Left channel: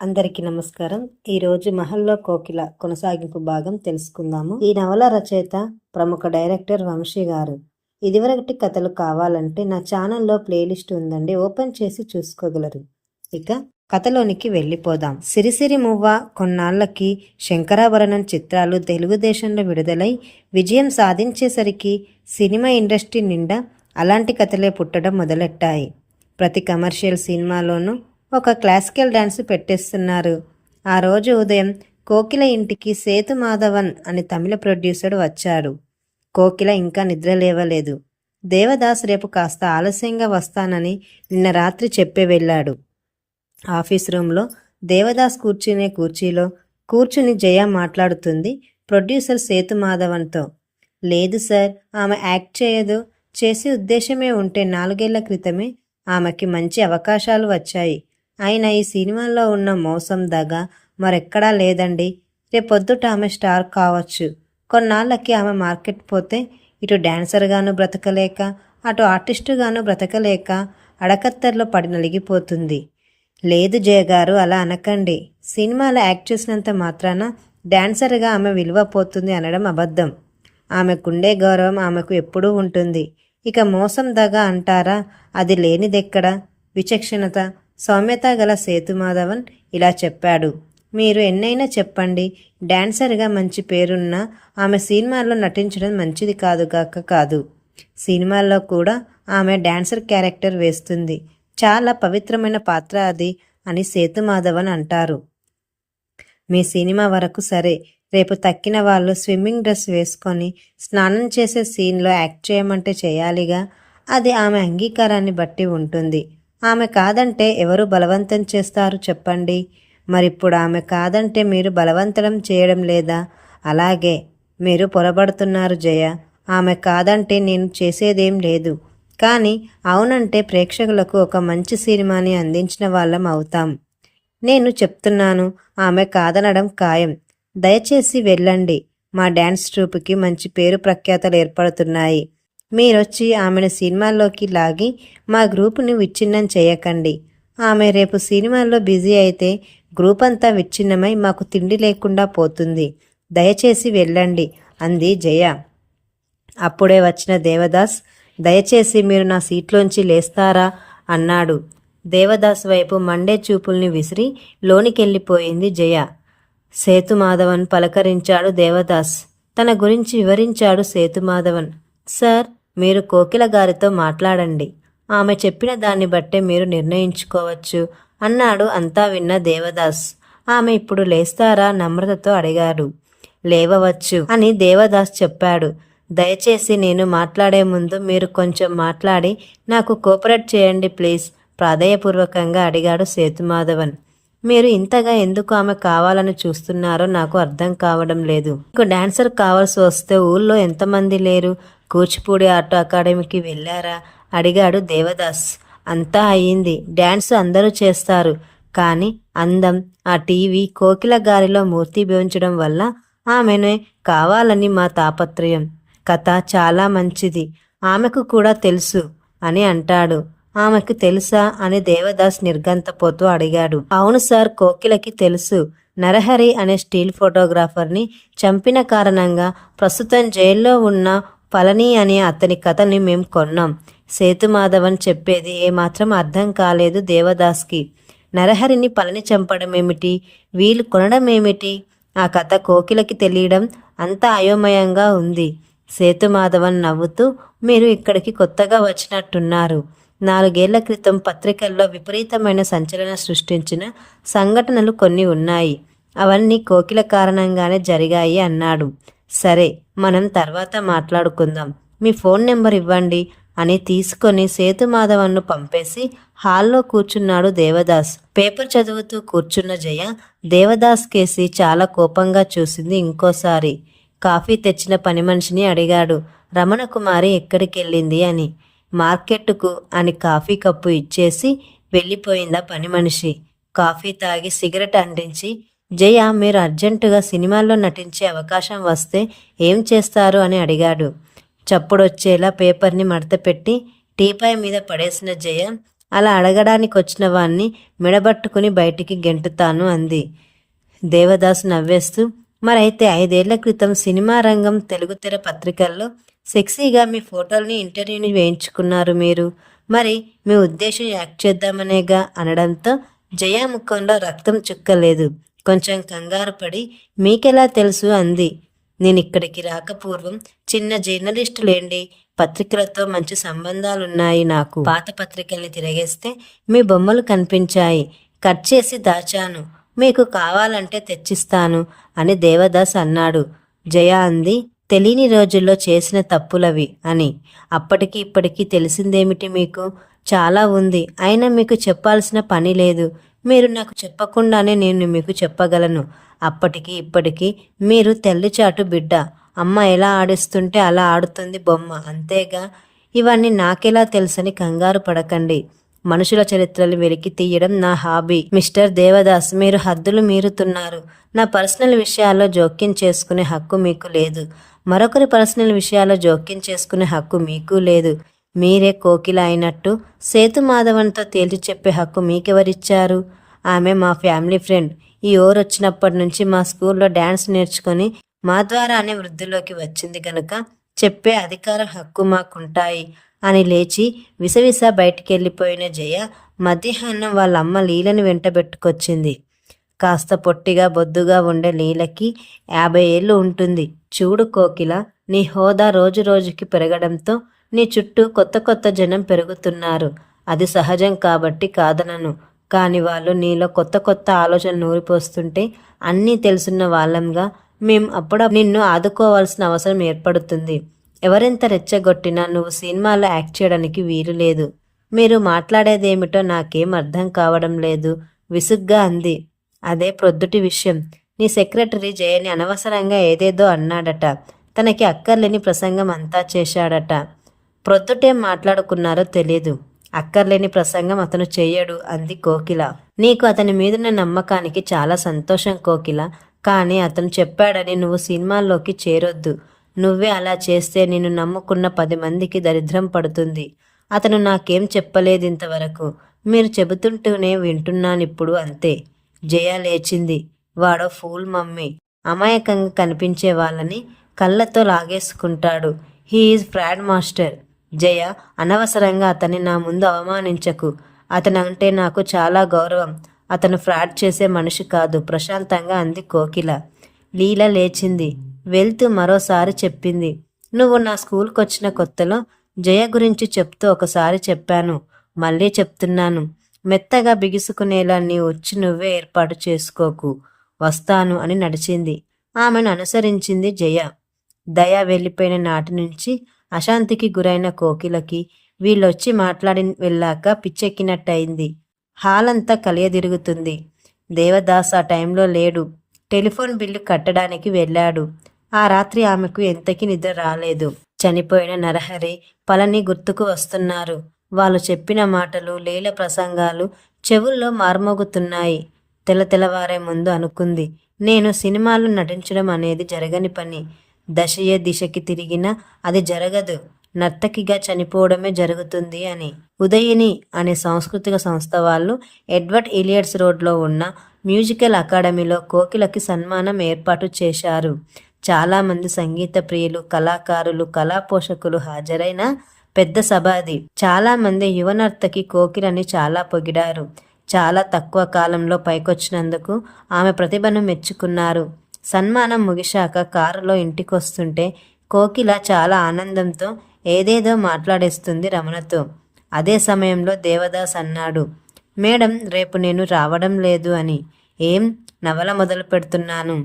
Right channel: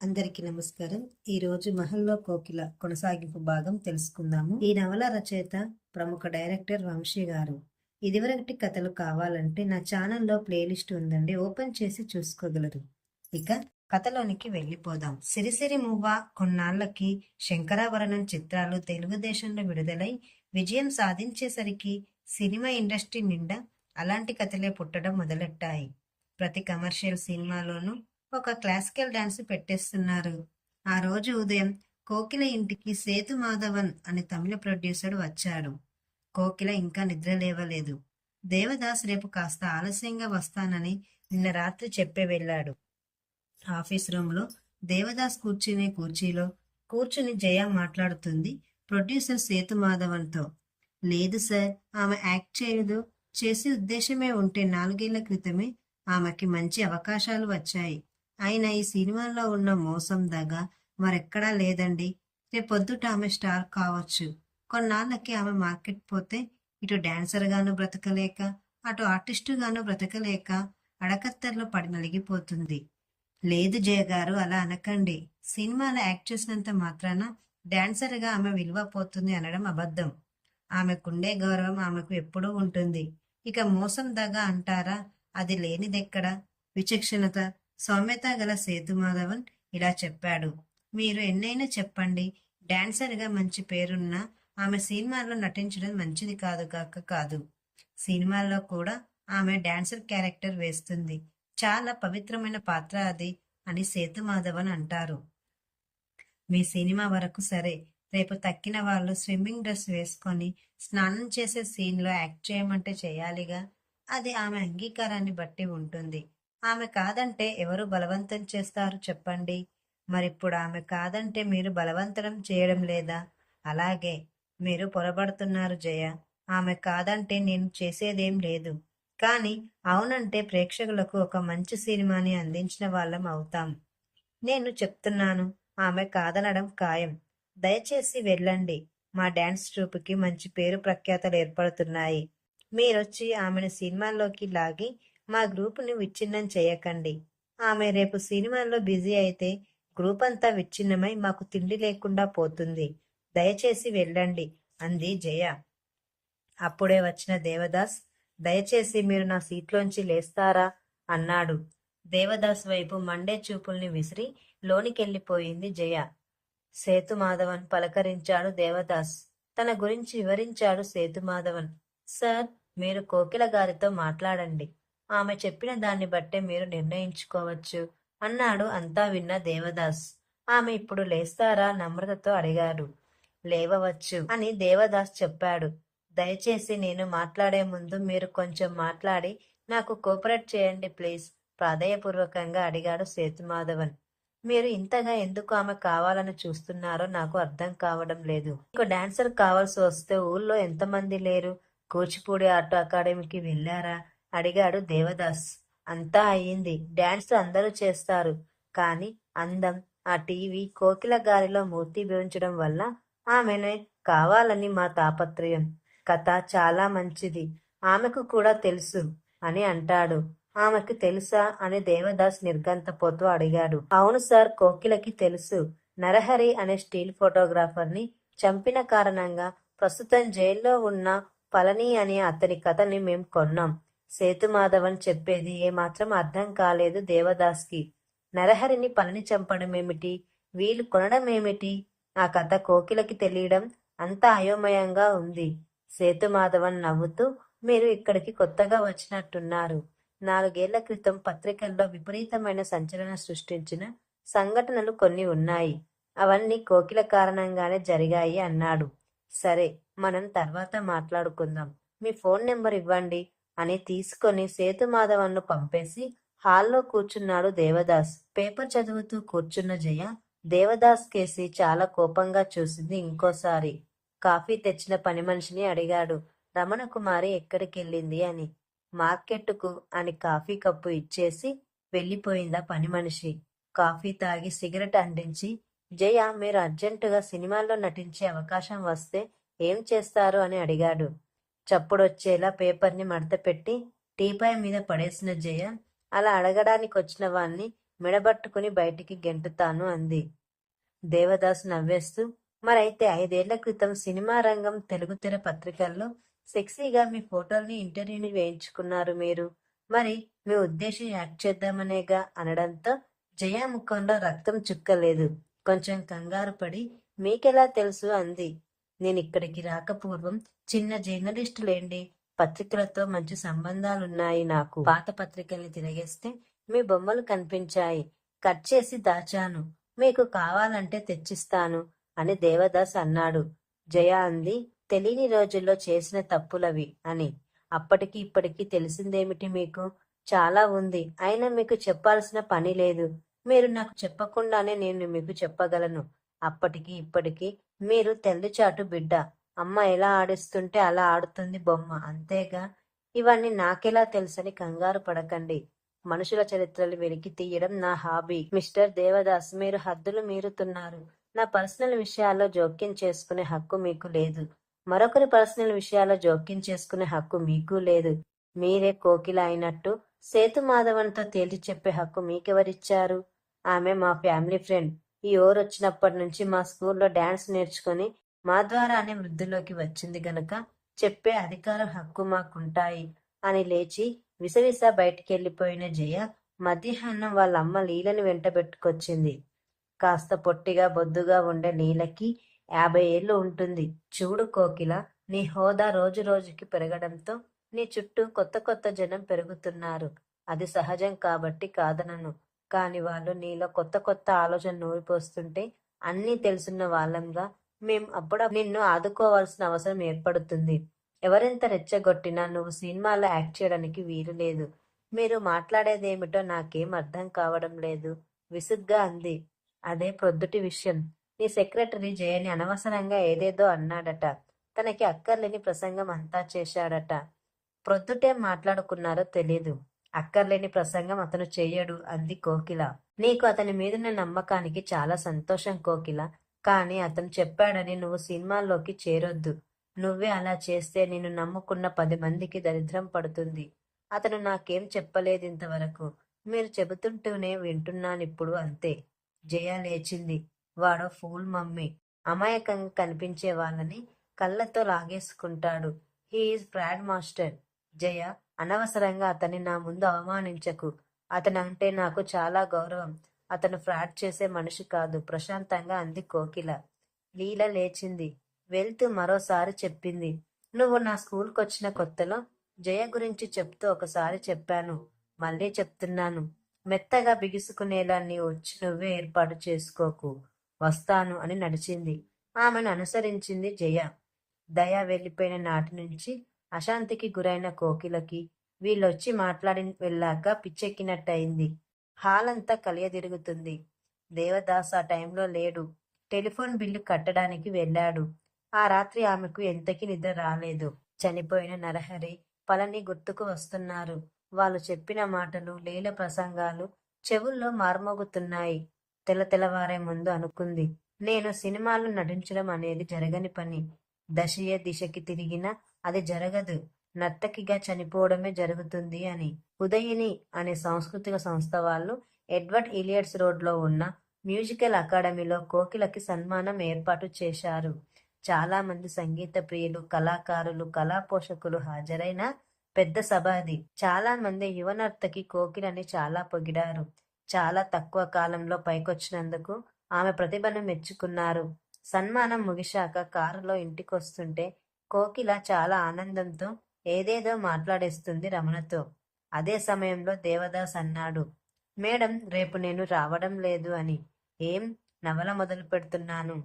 అందరికీ నమస్కారం. ఈరోజు 'మహల్లో కోకిల' కొనసాగింపు భాగం తెలుసుకుందాము. ఈ నవల రచయిత ప్రముఖ డైరెక్టర్ వంశీ గారు. ఇదివరకటి కథలు కావాలంటే నా ఛానల్లో ప్లేలిస్ట్ ఉందండి, ఓపెన్ చేసి చూసుకోగలరు. ఇక కథలోనికి వెళ్ళిపోదాం. సిరిసిరి మువ్వ కొన్నాళ్లకి శంకరాభరణం చిత్రాలు తెలుగుదేశంలో విడుదలై విజయం సాధించేసరికి సినిమా ఇండస్ట్రీ నిండా అలాంటి కథలే పుట్టడం మొదలెట్టాయి. ప్రతి కమర్షియల్ సినిమాలోనూ ఒక క్లాసికల్ డాన్స్ పెట్టేస్తున్నారు. ఆ రోజు ఉదయం కోకిల ఇంటికి సేతు మాధవన్ అని తమిళ ప్రొడ్యూసర్ వచ్చాడు. కోకిల ఇంకా నిద్ర లేవలేదు. దేవదాస్ రేపు కాస్త ఆలస్యంగా వస్తానని నిన్న రాత్రి చెప్పే వెళ్ళాడు. ఆఫీస్ రూమ్లో దేవదాస్ కూర్చునే కుర్చీలో కూర్చుని జయ మాట్లాడుతుంది ప్రొడ్యూసర్ సేతు మాధవన్తో. లేదు సార్, ఆమె యాక్ట్ చేయదు. చేసే ఉద్దేశమే ఉంటే 4 ఏళ్ల క్రితమే ఆమెకి మంచి అవకాశాలు వచ్చాయి. అయినా ఈ సినిమాల్లో ఉన్న మోసం దగ మరెక్కడా లేదండి. రేపొద్దుట ఆమె స్టార్ కావచ్చు. కొన్నాళ్ళకి ఆమె మార్కెట్ పోతే ఇటు డాన్సర్గాను బ్రతకలేక, అటు ఆర్టిస్టుగాను బ్రతకలేక అడకత్తర్లో పడి నలిగిపోతుంది. లేదు జయగారు, అలా అనకండి. సినిమాలో యాక్ట్ చేసినంత మాత్రాన డాన్సర్గా ఆమె విలువ పోతుంది అనడం అబద్ధం. ఆమెకుండే గౌరవం ఆమెకు ఎప్పుడూ ఉంటుంది. ఇక మోసం దగ అంటారా, అది లేనిదెక్కడ? విచక్షణత, సౌమ్యత గల సేతుమాధవన్ ఇలా చెప్పాడు. మీరు ఎన్నైనా చెప్పండి, డాన్సర్గా మంచి పేరున్న ఆమె సినిమాల్లో నటించడం మంచిది కాదు. సినిమాల్లో కూడా ఆమె డాన్సర్ క్యారెక్టర్ వేస్తుంది. చాలా పవిత్రమైన పాత్ర అది అని సేతుమాధవన్ అంటారు. మీ సినిమా వరకు సరే, రేపు తక్కిన వాళ్ళు స్విమ్మింగ్ డ్రెస్ వేసుకొని స్నానం చేసే సీన్లో యాక్ట్ చేయమంటే చేయాలిగా. అది ఆమె అంగీకారాన్ని బట్టి ఉంటుంది. ఆమె కాదంటే ఎవరు బలవంతం చేస్తారు చెప్పండి? మరిప్పుడు ఆమె కాదంటే మీరు బలవంతం చేయడం లేదా? అలాగే మీరు పొరబడుతున్నారు జయ. ఆమె కాదంటే నేను చేసేదేం లేదు. కానీ అవునంటే ప్రేక్షకులకు ఒక మంచి సినిమాని అందించిన వాళ్ళం అవుతాం. నేను చెప్తున్నాను, ఆమె కాదనడం ఖాయం. దయచేసి వెళ్ళండి. మా డ్యాన్స్ ట్రూప్కి మంచి పేరు ప్రఖ్యాతలు ఏర్పడుతున్నాయి. మీరొచ్చి ఆమెను సినిమాల్లోకి లాగి మా గ్రూపుని విచ్ఛిన్నం చేయకండి. ఆమె రేపు సినిమాల్లో బిజీ అయితే గ్రూప్ అంతా విచ్ఛిన్నమై మాకు తిండి లేకుండా పోతుంది. దయచేసి వెళ్ళండి అంది జయ. అప్పుడే వచ్చిన దేవదాస్, దయచేసి మీరు నా సీట్లోంచి లేస్తారా అన్నాడు. దేవదాస్ వైపు మండే చూపుల్ని విసిరి లోనికెళ్ళిపోయింది జయ. సేతుమాధవన్ పలకరించాడు దేవదాస్. తన గురించి వివరించాడు సేతుమాధవన్. సార్, మీరు కోకిల గారితో మాట్లాడండి. ఆమె చెప్పిన దాన్ని బట్టే మీరు నిర్ణయించుకోవచ్చు అన్నాడు. అంతా విన్న దేవదాస్, ఆమె ఇప్పుడు లేస్తారా నమ్రతతో అడిగాడు. లేవవచ్చు అని దేవదాస్ చెప్పాడు. దయచేసి నేను మాట్లాడే ముందు మీరు కొంచెం మాట్లాడి నాకు కోఆపరేట్ చేయండి ప్లీజ్, ప్రాధేయపూర్వకంగా అడిగాడు సేతుమాధవన్. మీరు ఇంతగా ఎందుకు ఆమె కావాలని చూస్తున్నారో నాకు అర్థం కావడం లేదు. మీకు డాన్సర్ కావాల్సి వస్తే ఊళ్ళో ఎంతమంది లేరు? కూచిపూడి ఆర్ట్ అకాడమీకి వెళ్ళారా అడిగాడు దేవదాస్. అంతా అయ్యింది. డ్యాన్స్ అందరూ చేస్తారు. కానీ అందం, ఆ టీవీ, కోకిల గారిలో మూర్తి భవించడం వల్ల ఆమెనే కావాలని మా తాపత్రయం. కథ చాలా మంచిది, ఆమెకు కూడా తెలుసు అని అంటాడు. ఆమెకు తెలుసా అని దేవదాస్ నిర్గంతపోతూ అడిగాడు. అవును సార్, కోకిలకి తెలుసు. నరహరి అనే స్టిల్ ఫోటోగ్రాఫర్ని చంపిన కారణంగా ప్రస్తుతం జైల్లో ఉన్న పళని అనే అతని కథని మేం కొన్నాం. సేతుమాధవన్ చెప్పేది ఏమాత్రం అర్థం కాలేదు దేవదాస్కి. నరహరిని పళని చంపడం ఏమిటి, వీళ్ళు కొనడం ఏమిటి? ఆ కథ కోకిలకి తెలియడం అంత అయోమయంగా ఉంది. సేతుమాధవన్ నవ్వుతూ, మీరు ఇక్కడికి కొత్తగా వచ్చినట్టున్నారు. 4 ఏళ్ల క్రితం పత్రికల్లో విపరీతమైన సంచలనం సృష్టించిన సంఘటనలు కొన్ని ఉన్నాయి. అవన్నీ కోకిల కారణంగానే జరిగాయి అన్నాడు. సరే, మనం తర్వాత మాట్లాడుకుందాం. మీ ఫోన్ నెంబర్ ఇవ్వండి అని తీసుకొని సేతుమాధవన్ను పంపేసి హాల్లో కూర్చున్నాడు దేవదాస్. పేపర్ చదువుతూ కూర్చున్న జయ దేవదాస్ కేసి చాలా కోపంగా చూసింది. ఇంకోసారి కాఫీ తెచ్చిన పని మనిషిని అడిగాడు. రమణకుమారి ఎక్కడికెళ్ళింది అని. మార్కెట్కు అని కాఫీ కప్పు ఇచ్చేసి వెళ్ళిపోయిందా పని మనిషి. కాఫీ తాగి సిగరెట్ అంటించి, జయ, మీరు అర్జెంటుగా సినిమాల్లో నటించే అవకాశం వస్తే ఏం చేస్తారు అని అడిగాడు. చప్పుడొచ్చేలా పేపర్ని మడతపెట్టి టీపాయ్ మీద పడేసిన జయ అలా అడగడానికి వచ్చిన వాణ్ణి మెడబట్టుకుని బయటికి గెంటుతాను అంది. దేవదాసు నవ్వేస్తూ, మరైతే 5 ఏళ్ల క్రితం సినిమా రంగం తెలుగు తెర పత్రికల్లో సెక్సీగా మీ ఫోటోల్ని ఇంటర్వ్యూని వేయించుకున్నారు మీరు. మరి మీ ఉద్దేశం యాక్ట్ చేద్దామనేగా అనడంతో జయ ముఖంలో రక్తం చుక్కలేదు. కొంచెం కంగారు పడి, మీకెలా తెలుసు అంది. నేనిక్కడికి రాకపూర్వం చిన్న జర్నలిస్టులేండి, పత్రికలతో మంచి సంబంధాలున్నాయి నాకు. పాత పత్రికల్ని తిరగేస్తే మీ బొమ్మలు కనిపించాయి, కట్ చేసి దాచాను, మీకు కావాలంటే తెచ్చిస్తాను అని దేవదాస్ అన్నాడు. జయ అంది, తెలియని రోజుల్లో చేసిన తప్పులవి అని. అప్పటికి ఇప్పటికీ తెలిసిందేమిటి మీకు? చాలా ఉంది. అయినా మీకు చెప్పాల్సిన పని లేదు. మీరు నాకు చెప్పకుండానే నేను మీకు చెప్పగలను. అప్పటికి ఇప్పటికీ మీరు తెల్లిచాటు బిడ్డ. అమ్మ ఎలా ఆడిస్తుంటే అలా ఆడుతుంది బొమ్మ, అంతేగా. ఇవన్నీ నాకెలా తెలుసని కంగారు పడకండి. మనుషుల చరిత్రలు వెలికి తీయడం నా హాబీ. మిస్టర్ దేవదాస్, మీరు హద్దులు మీరుతున్నారు. నా పర్సనల్ విషయాల్లో జోక్యం చేసుకునే హక్కు మీకు లేదు. మరొకరి పర్సనల్ విషయాల్లో జోక్యం చేసుకునే హక్కు మీకు లేదు. మీరే కోకిల అయినట్టు సేతుమాధవన్తో తేల్చి చెప్పే హక్కు మీకెవరిచ్చారు? ఆమె మా ఫ్యామిలీ ఫ్రెండ్. ఈ వచ్చినప్పటి నుంచి మా స్కూల్లో డ్యాన్స్ నేర్చుకొని మా ద్వారానే వృద్ధిలోకి వచ్చింది గనుక చెప్పే అధికారం హక్కు మాకుంటాయి అని లేచి విసవిస బయటికెళ్ళిపోయిన జయ మధ్యాహ్నం వాళ్ళమ్మ లీలని వెంటబెట్టుకొచ్చింది. కాస్త పొట్టిగా బొద్దుగా ఉండే లీలకి 50 ఏళ్ళు ఉంటుంది. చూడు కోకిల, నీ హోదా రోజు రోజుకి పెరగడంతో నీ చుట్టూ కొత్త కొత్త జనం పెరుగుతున్నారు. అది సహజం కాబట్టి కాదనను. కాని వాళ్ళు నీలో కొత్త కొత్త ఆలోచనలు నూరిపోస్తుంటే అన్నీ తెలుసున్న వాళ్ళంగా మేం అప్పుడు నిన్ను ఆదుకోవాల్సిన అవసరం ఏర్పడుతుంది. ఎవరెంత రెచ్చగొట్టినా నువ్వు సినిమాలో యాక్ట్ చేయడానికి వీలు లేదు. మీరు మాట్లాడేదేమిటో నాకేం అర్థం కావడం లేదు విసుగ్గా అంది. అదే ప్రొద్దుటి విషయం. నీ సెక్రటరీ జయని అనవసరంగా ఏదేదో అన్నాడట. తనకి అక్కర్లేని ప్రసంగం అంతా చేశాడట. ప్రొద్దుటేం మాట్లాడుకున్నారో తెలీదు. అక్కర్లేని ప్రసంగం అతను చెయ్యడు అంది కోకిల. నీకు అతని మీదున్న నమ్మకానికి చాలా సంతోషం కోకిల. కానీ అతను చెప్పాడని నువ్వు సినిమాల్లోకి చేరొద్దు. నువ్వే అలా చేస్తే నిన్ను నమ్ముకున్న 10 మందికి దరిద్రం పడుతుంది. అతను నాకేం చెప్పలేదు ఇంతవరకు. మీరు చెబుతుంటూనే వింటున్నానిప్పుడు, అంతే. జయ లేచింది. వాడో ఫూల్ మమ్మీ. అమాయకంగా కనిపించే వాళ్ళని కళ్ళతో లాగేసుకుంటాడు. He is fraud master. Jaya, అనవసరంగా అతన్ని నా ముందు అవమానించకు. అతనంటే నాకు చాలా గౌరవం. అతను ఫ్రాడ్ చేసే మనిషి కాదు ప్రశాంతంగా అంది కోకిల. లీల లేచింది. వెళ్తూ మరోసారి చెప్పింది. నువ్వు నా స్కూల్కొచ్చిన కొత్తలో జయ గురించి చెప్తూ ఒకసారి చెప్పాను. మళ్ళీ చెప్తున్నాను. మెత్తగా బిగుసుకునేలా నీ ఉచ్చి నువ్వే ఏర్పాటు చేసుకోకు. వస్తాను అని నడిచింది. ఆమెను అనుసరించింది జయ. దయ వెళ్ళిపోయిన నాటి నుంచి అశాంతికి గురైన కోకిలకి వీళ్ళొచ్చి మాట్లాడి వెళ్ళాక పిచ్చెక్కినట్టయింది. హాలంతా కలియదిరుగుతుంది. దేవదాస్ ఆ టైంలో లేడు. టెలిఫోన్ బిల్లు కట్టడానికి వెళ్ళాడు. ఆ రాత్రి ఆమెకు ఎంతకీ నిద్ర రాలేదు. చనిపోయిన నరహరి, పళని గుర్తుకు వస్తున్నారు. వాళ్ళు చెప్పిన మాటలు, లీల ప్రసంగాలు చెవుల్లో మార్మోగుతున్నాయి. తెల్లవారే ముందు అనుకుంది, నేను సినిమాలో నటించడం అనేది జరగని పని. దశయే దిశకి తిరిగినా అది జరగదు. నర్తకిగా చనిపోవడమే జరుగుతుంది అని. ఉదయిని అనే సాంస్కృతిక సంస్థ వాళ్ళు ఎడ్వర్డ్ ఇలియట్స్ రోడ్లో ఉన్న మ్యూజికల్ అకాడమీలో కోకిలకి సన్మానం ఏర్పాటు చేశారు. చాలామంది సంగీత ప్రియులు, కళాకారులు, కళా పోషకులు హాజరైన పెద్ద సభ అది. చాలామంది యువ నర్తకి కోకిలని చాలా పొగిడారు. చాలా తక్కువ కాలంలో పైకొచ్చినందుకు ఆమె ప్రతిభను మెచ్చుకున్నారు. సన్మానం ముగిశాక కారులో ఇంటికొస్తుంటే కోకిల చాలా ఆనందంతో ఏదేదో మాట్లాడేస్తుంది రమణతో. అదే సమయంలో దేవదాస్ అన్నాడు, మేడం, రేపు నేను రావడం లేదు అని. ఏం? నవల మొదలు పెడుతున్నాను.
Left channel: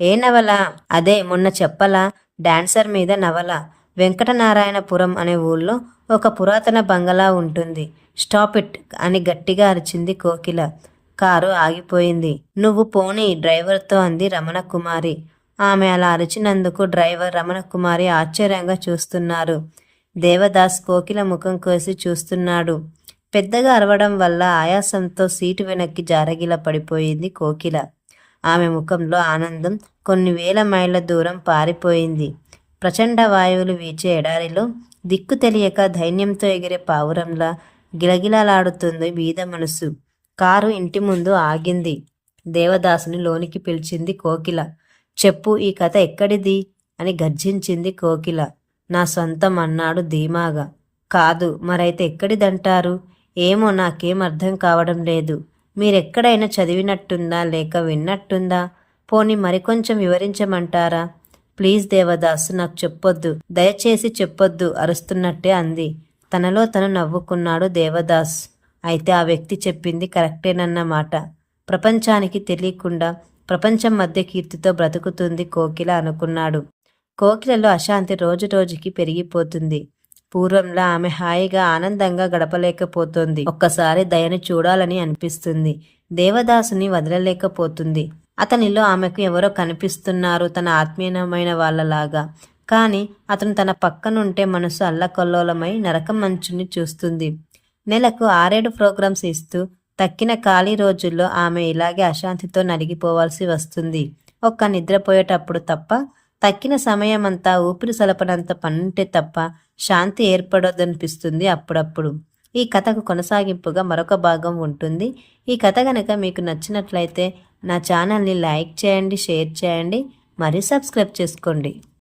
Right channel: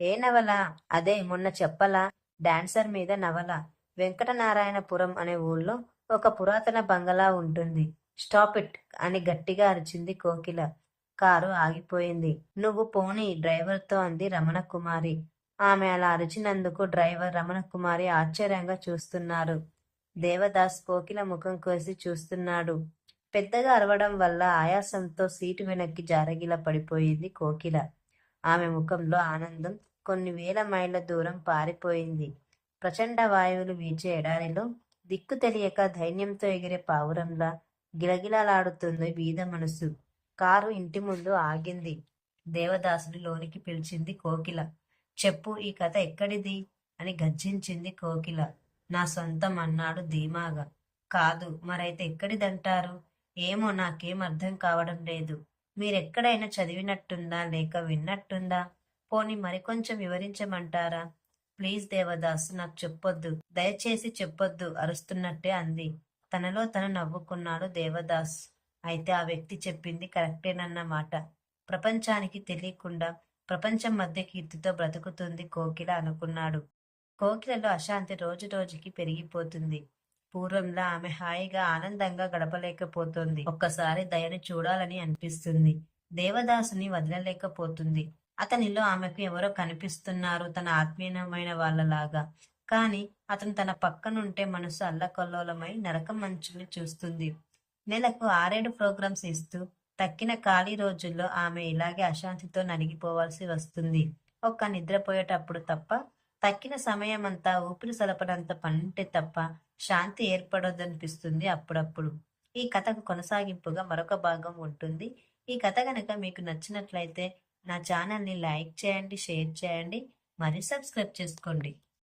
ఏ నవల? అదే మొన్న చెప్పలా, డాన్సర్ మీద నవల. వెంకటనారాయణపురం అనే ఊళ్ళో ఒక పురాతన బంగళా ఉంటుంది. స్టాప్ ఇట్ అని గట్టిగా అరిచింది కోకిల. కారు ఆగిపోయింది. నువ్వు పోనీ డ్రైవర్తో అంది రమణకుమారి. ఆమె అలా అరిచినందుకు డ్రైవర్, రమణకుమారి ఆశ్చర్యంగా చూస్తున్నారు. దేవదాస్ కోకిల ముఖం కోసి చూస్తున్నాడు. పెద్దగా అరవడం వల్ల ఆయాసంతో సీటు వెనక్కి జారగిల పడిపోయింది కోకిల. ఆమె ముఖంలో ఆనందం కొన్ని వేల మైళ్ళ దూరం పారిపోయింది. ప్రచండ వాయువులు వీచే ఎడారిలో దిక్కు తెలియక ధైన్యంతో ఎగిరే పావురంలా గిలగిలలాడుతుంది బీద మనసు. కారు ఇంటి ముందు ఆగింది. దేవదాసుని లోనికి పిలిచింది కోకిల. చెప్పు, ఈ కథ ఎక్కడిది అని గర్జించింది కోకిల. నా సొంతం అన్నాడు ధీమాగా. కాదు, మరైతే ఎక్కడిదంటారు? ఏమో, నాకేం అర్థం కావడం లేదు. మీరెక్కడైనా చదివినట్టుందా లేక విన్నట్టుందా? పోనీ మరికొంచెం వివరించమంటారా? ప్లీజ్ దేవదాసు, నాకు చెప్పొద్దు, దయచేసి చెప్పొద్దు అరుస్తున్నట్టే అంది. తనలో తను నవ్వుకున్నాడు దేవదాస్. అయితే ఆ వ్యక్తి చెప్పింది కరెక్టేనన్నమాట. ప్రపంచానికి తెలియకుండా ప్రపంచం మధ్య కీర్తితో బ్రతుకుతుంది కోకిల అనుకున్నాడు. కోకిలలో అశాంతి రోజు రోజుకి పెరిగిపోతుంది. పూర్వంలా ఆమె హాయిగా ఆనందంగా గడపలేకపోతోంది. ఒక్కసారి దయను చూడాలని అనిపిస్తుంది. దేవదాసుని వదలలేకపోతుంది. అతనిలో ఆమెకు ఎవరో కనిపిస్తున్నారు, తన ఆత్మీయమైన వాళ్ళలాగా. కానీ అతను తన పక్కనుంటే మనసు అల్లకల్లోలమై నరకం మంచుని చూస్తుంది. నెలకు 6-7 ప్రోగ్రామ్స్ ఇస్తూ తక్కిన ఖాళీ రోజుల్లో ఆమె ఇలాగే అశాంతితో నలిగిపోవాల్సి వస్తుంది. ఒక్క నిద్రపోయేటప్పుడు తప్ప, తక్కిన సమయమంతా ఊపిరి సలపనంత పనుంటే తప్ప శాంతి ఏర్పడదనిపిస్తుంది అప్పుడప్పుడు. ఈ కథకు కొనసాగింపుగా మరొక భాగం ఉంటుంది. ఈ కథ కనుక మీకు నచ్చినట్లయితే నా ఛానల్ని లైక్ చేయండి, షేర్ చేయండి, మరియు సబ్స్క్రైబ్ చేసుకోండి.